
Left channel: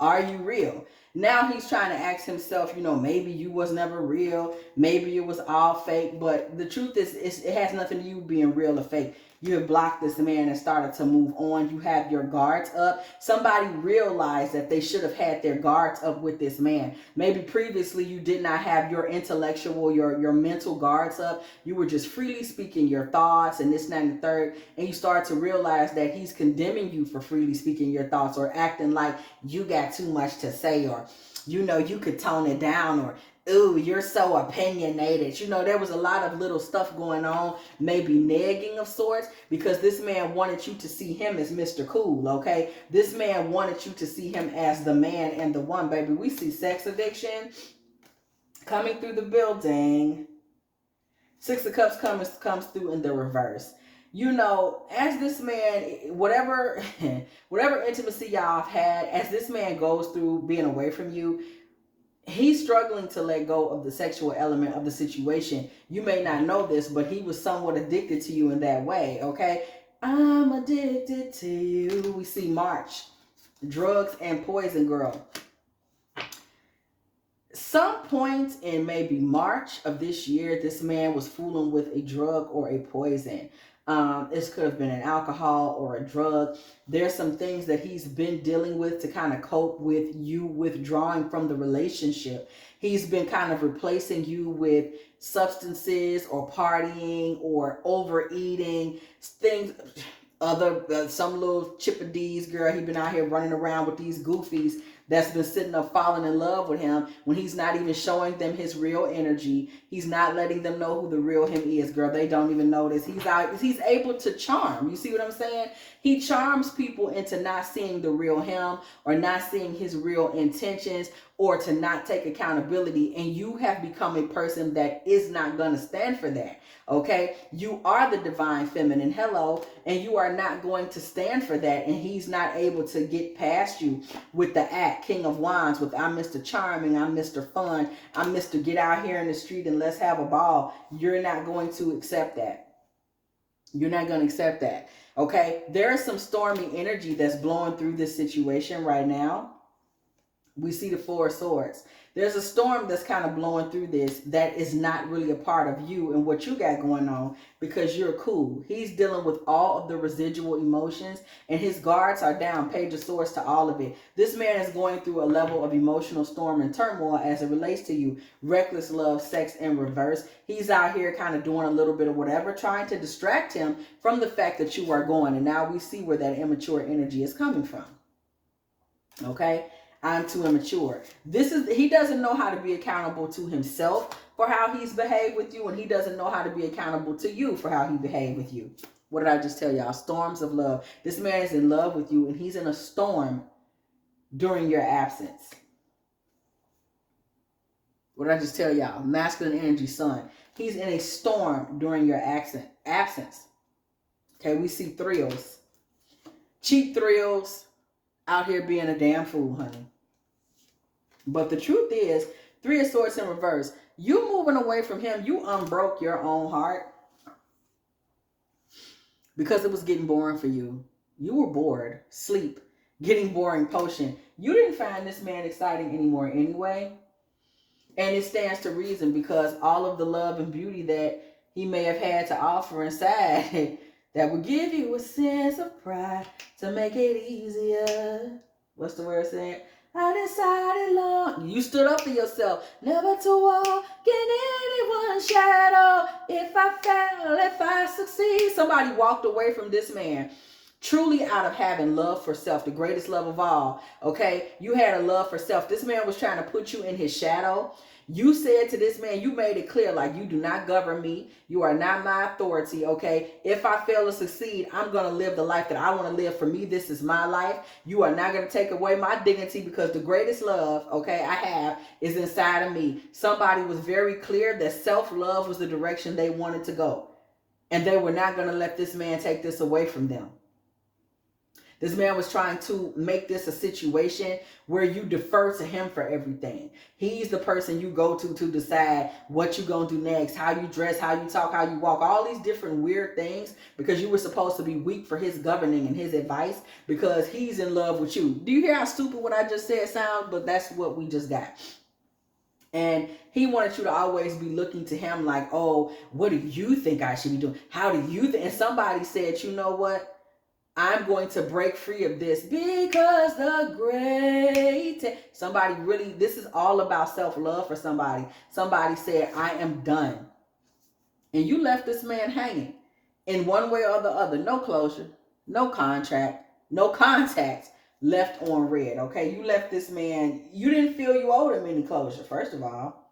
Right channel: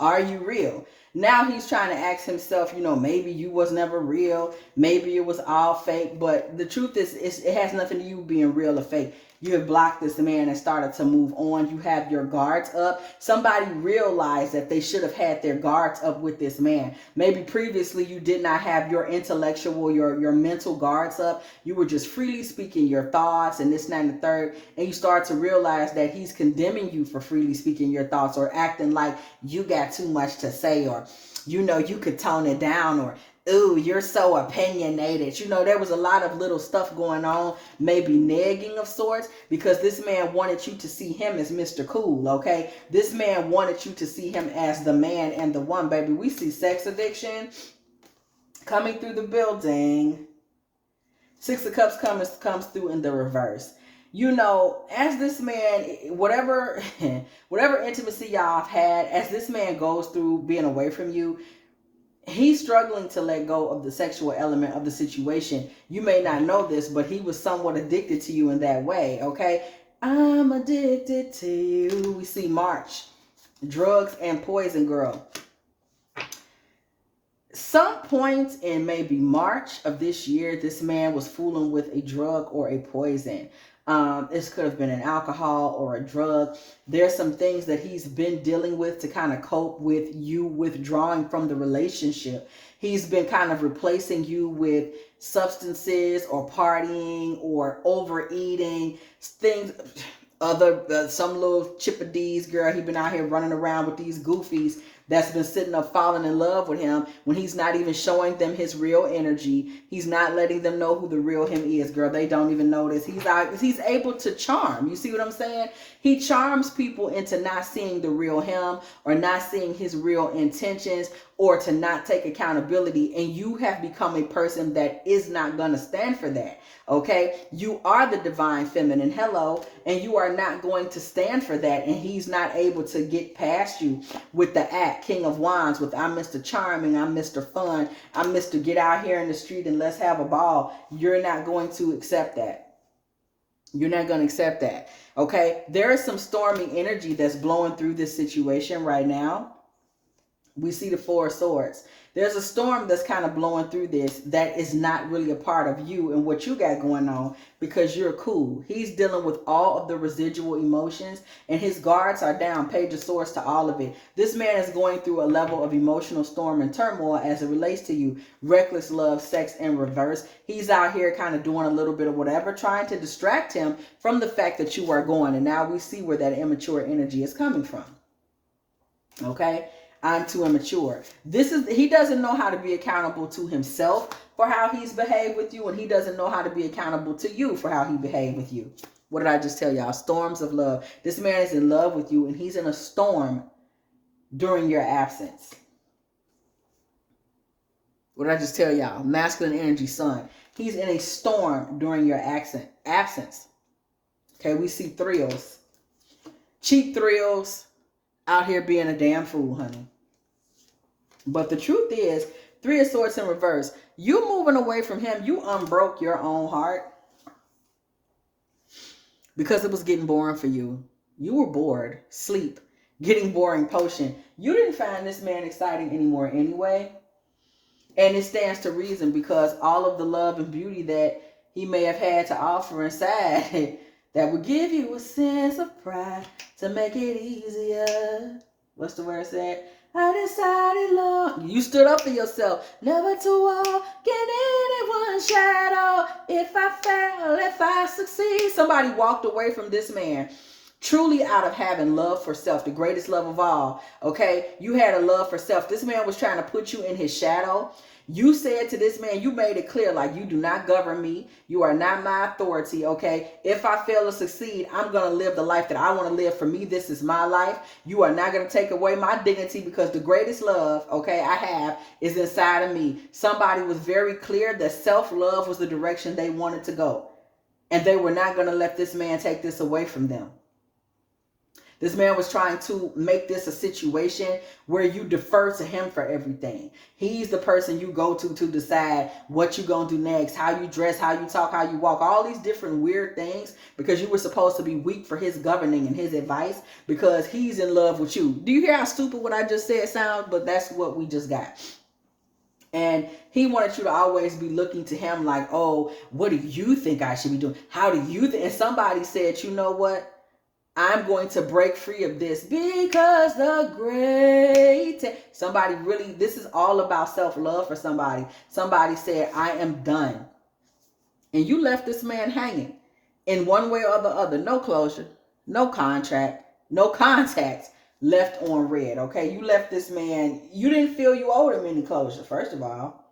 Are you real? Now he's trying to ask himself, you know, maybe you was never real. Maybe it was all fake. But the truth is, it has nothing to do with being real or fake. You have blocked this man and started to move on. You have your guards up. Somebody realized that they should have had their guards up with this man. Maybe previously you did not have your intellectual, your mental guards up. You were just freely speaking your thoughts and this, that, and the third. And you start to realize that he's condemning you for freely speaking your thoughts or acting like you got too much to say, or, you know, you could tone it down, or, ooh, you're so opinionated. You know, there was a lot of little stuff going on, maybe nagging of sorts, because this man wanted you to see him as Mr. Cool, okay? This man wanted you to see him as the man and the one, baby. We see sex addiction coming through the building. Six of Cups comes through in the reverse. You know, as this man, whatever intimacy y'all have had, as this man goes through being away from you, he's struggling to let go of the sexual element of the situation. You may not know this, but he was somewhat addicted to you in that way, okay? I'm addicted to you. We see March. Drugs and poison, girl. Some point in maybe March of this year, this man was fooling with a drug or a poison. This could have been an alcohol or a drug. There's some things that he's been dealing with to kind of cope with you withdrawing from the relationship. He's been kind of replacing you with substances or partying or overeating, things, some little chippedees, girl. He's been out here running around with these goofies that's been sitting up falling in love with him when he's not even showing them his real energy. He's not letting them know who the real him is, girl. They don't even know this. He's able to charm. You see what I'm saying? He charms people into not seeing the real him or not seeing his real intentions or to not take accountability. And you have become a person that is not going to stand for that. Okay, you are the divine feminine, hello, and you are not going to stand for that, and he's not able to get past you with the act, King of Wands, with I'm Mr. Charming, I'm Mr. Fun, I'm Mr. Get out here in the street and let's have a ball. You're not going to accept that. You're not going to accept that, okay? There is some stormy energy that's blowing through this situation right now. We see the Four of Swords. There's a storm that's kind of blowing through this that is not really a part of you and what you got going on because you're cool. He's dealing with all of the residual emotions and his guards are down. Page of Swords to all of it. This man is going through a level of emotional storm and turmoil as it relates to you. Reckless love, sex in reverse. He's out here kind of doing a little bit of whatever, trying to distract him from the fact that you are going. And now we see where that immature energy is coming from. Okay? I'm too immature. He doesn't know how to be accountable to himself for how he's behaved with you, and he doesn't know how to be accountable to you for how he behaved with you. What did I just tell y'all? Storms of love. This man is in love with you, and he's in a storm during your absence. What did I just tell y'all? Masculine energy, sun. He's in a storm during your absence. Okay, we see thrills. Cheap thrills. Out here being a damn fool, honey. But the truth is, Three of Swords in reverse. You moving away from him, you unbroke your own heart. Because it was getting boring for you. You were bored. Sleep. Getting boring potion. You didn't find this man exciting anymore anyway. And it stands to reason because all of the love and beauty that he may have had to offer inside that would give you a sense of pride to make it easier. What's the word said? I decided long. You stood up for yourself. Never to walk in anyone's shadow. If I fail, if I succeed. Somebody walked away from this man. Truly out of having love for self. The greatest love of all. Okay? You had a love for self. This man was trying to put you in his shadow. You said to this man, you made it clear, like, you do not govern me. You are not my authority, okay? If I fail to succeed, I'm going to live the life that I want to live. For me, this is my life. You are not going to take away my dignity because the greatest love, okay, I have is inside of me. Somebody was very clear that self-love was the direction they wanted to go. And they were not going to let this man take this away from them. This man was trying to make this a situation where you defer to him for everything. He's the person you go to decide what you're going to do next, how you dress, how you talk, how you walk, all these different weird things because you were supposed to be weak for his governing and his advice because he's in love with you. Do you hear how stupid what I just said sounds? But that's what we just got. And he wanted you to always be looking to him like, oh, what do you think I should be doing? How do you think? And somebody said, you know what? I'm going to break free of this because the great, somebody really, this is all about self-love for somebody. Somebody said, I am done. And you left this man hanging in one way or the other. No closure, no contract, no contacts, left on red. Okay. You left this man. You didn't feel you owed him any closure. First of all,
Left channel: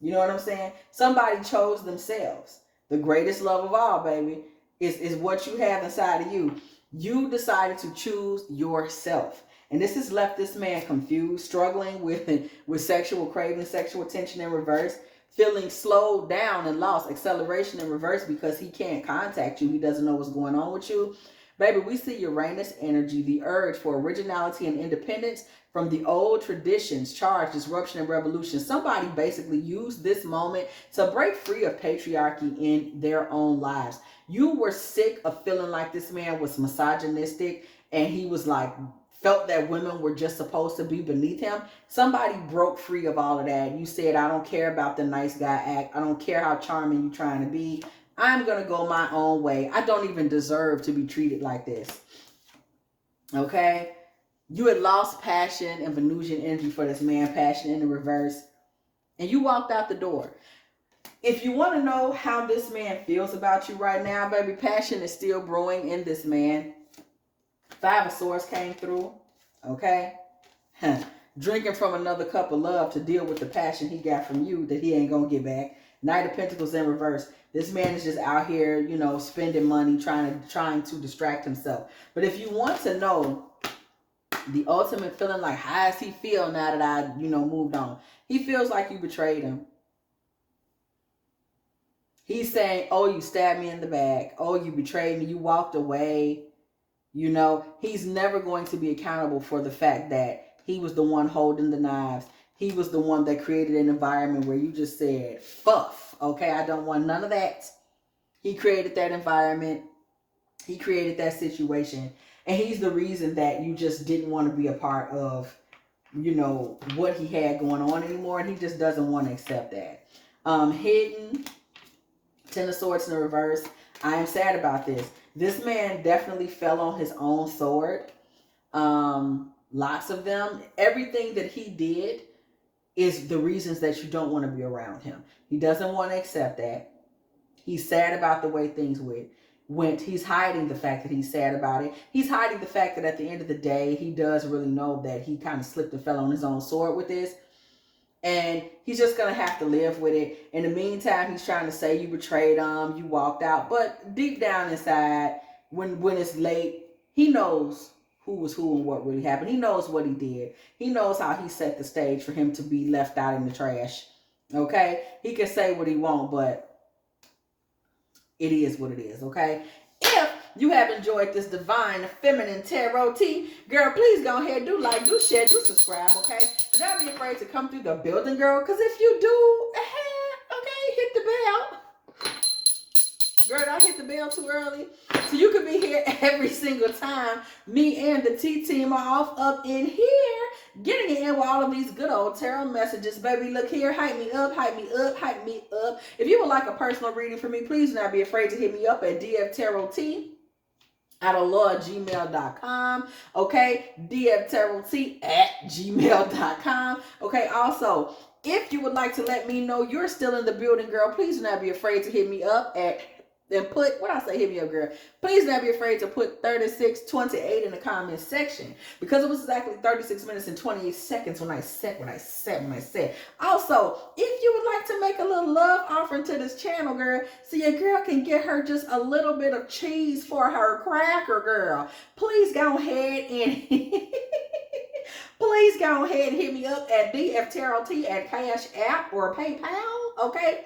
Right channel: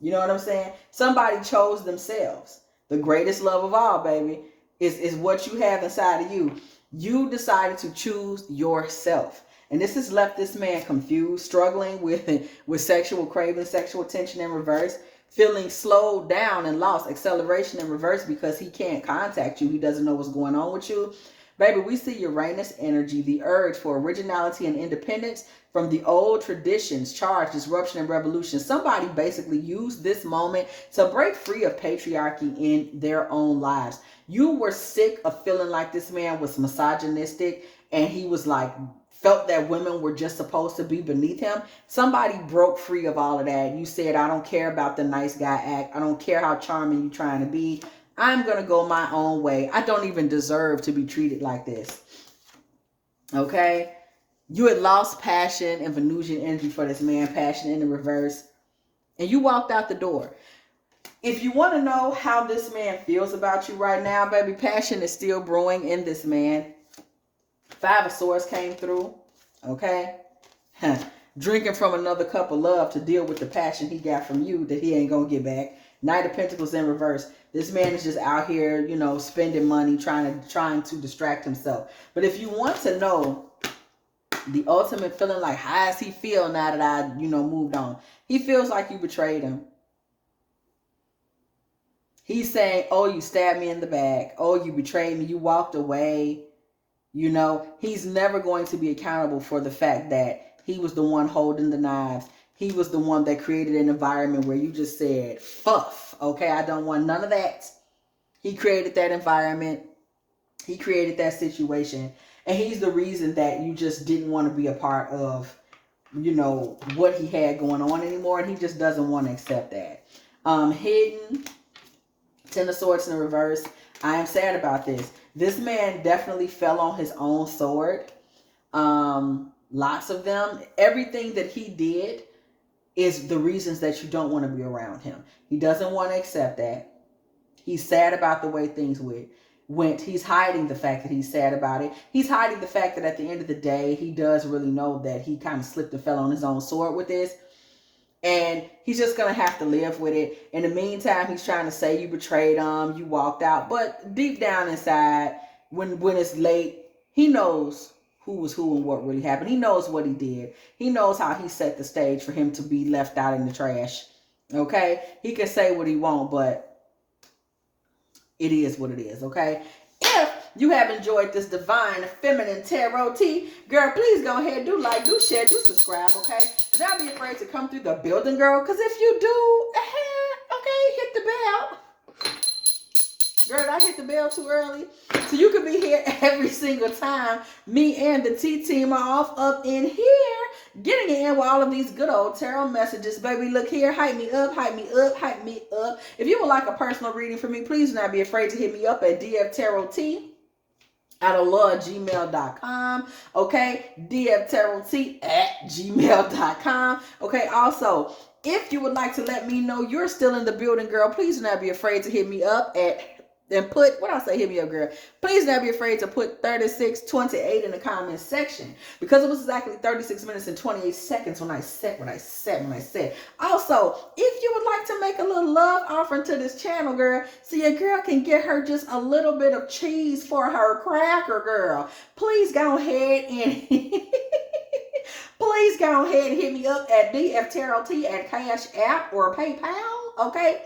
you know what I'm saying? Somebody chose themselves. The greatest love of all, baby, is what you have inside of you. You decided to choose yourself. And this has left this man confused, struggling with sexual craving, sexual attention in reverse, feeling slowed down and lost, acceleration in reverse because he can't contact you. He doesn't know what's going on with you. Baby, we see Uranus energy, the urge for originality and independence from the old traditions, charge, disruption, and revolution. Somebody basically used this moment to break free of patriarchy in their own lives. You were sick of feeling like this man was misogynistic and he was like, felt that women were just supposed to be beneath him. Somebody broke free of all of that. You said, I don't care about the nice guy act. I don't care how charming you're trying to be. I'm going to go my own way. I don't even deserve to be treated like this. Okay? You had lost passion and Venusian energy for this man, passion in the reverse. And you walked out the door. If you want to know how this man feels about you right now, baby, passion is still brewing in this man. Five of Swords came through. Okay? drinking from another cup of love to deal with the passion he got from you that he ain't gonna get back. Knight of Pentacles in reverse. This man is just out here, you know, spending money, trying to distract himself. But if you want to know the ultimate feeling, like how does he feel now that I, you know, moved on? He feels like you betrayed him. He's saying, oh, you stabbed me in the back. Oh, you betrayed me. You walked away. You know, he's never going to be accountable for the fact that he was the one holding the knives. He was the one that created an environment where you just said, fuff, okay, I don't want none of that. He created that environment. He created that situation. And he's the reason that you just didn't want to be a part of, you know, what he had going on anymore. And he just doesn't want to accept that. Hidden, Ten of Swords in the reverse. I am sad about this. This man definitely fell on his own sword. Lots of them. Everything that he did is the reasons that you don't want to be around him. He doesn't want to accept that. He's sad about the way things went. He's hiding the fact that he's sad about it. He's hiding the fact that at the end of the day, he does really know that he kind of slipped and fell on his own sword with this. And he's just going to have to live with it. In the meantime, he's trying to say you betrayed him, you walked out. But deep down inside, when it's late, he knows who was who and what really happened. He knows what he did. He knows how he set the stage for him to be left out in the trash. Okay? He can say what he wants, but it is what it is. Okay? If you have enjoyed this divine feminine tarot tea, girl, please go ahead, do like, do share, do subscribe, okay? Do not be afraid to come through the building, girl, because if you do, okay, hit the bell. Girl, I hit the bell too early. So you can be here every single time me and the T team are off up in here, getting in with all of these good old tarot messages. Baby, look here. Hype me up, hype me up, hype me up. If you would like a personal reading from me, please do not be afraid to hit me up at dftarottea @gmail.com. Okay, dftarottea@gmail.com. Okay, also, if you would like to let me know you're still in the building, girl, please do not be afraid to hit me up and put, what I say, hit me up, girl. Please don't be afraid to put 3628 in the comments section, because it was exactly 36 minutes and 28 seconds when I said what I said. Also, if you would like to make a little love offering to this channel, girl, so your girl can get her just a little bit of cheese for her cracker, girl, please go ahead and please go ahead and hit me up at dftarottea at Cash App or PayPal, okay?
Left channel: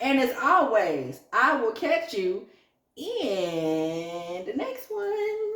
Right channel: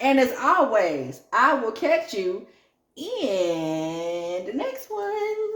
And as always, I will catch you in the next one.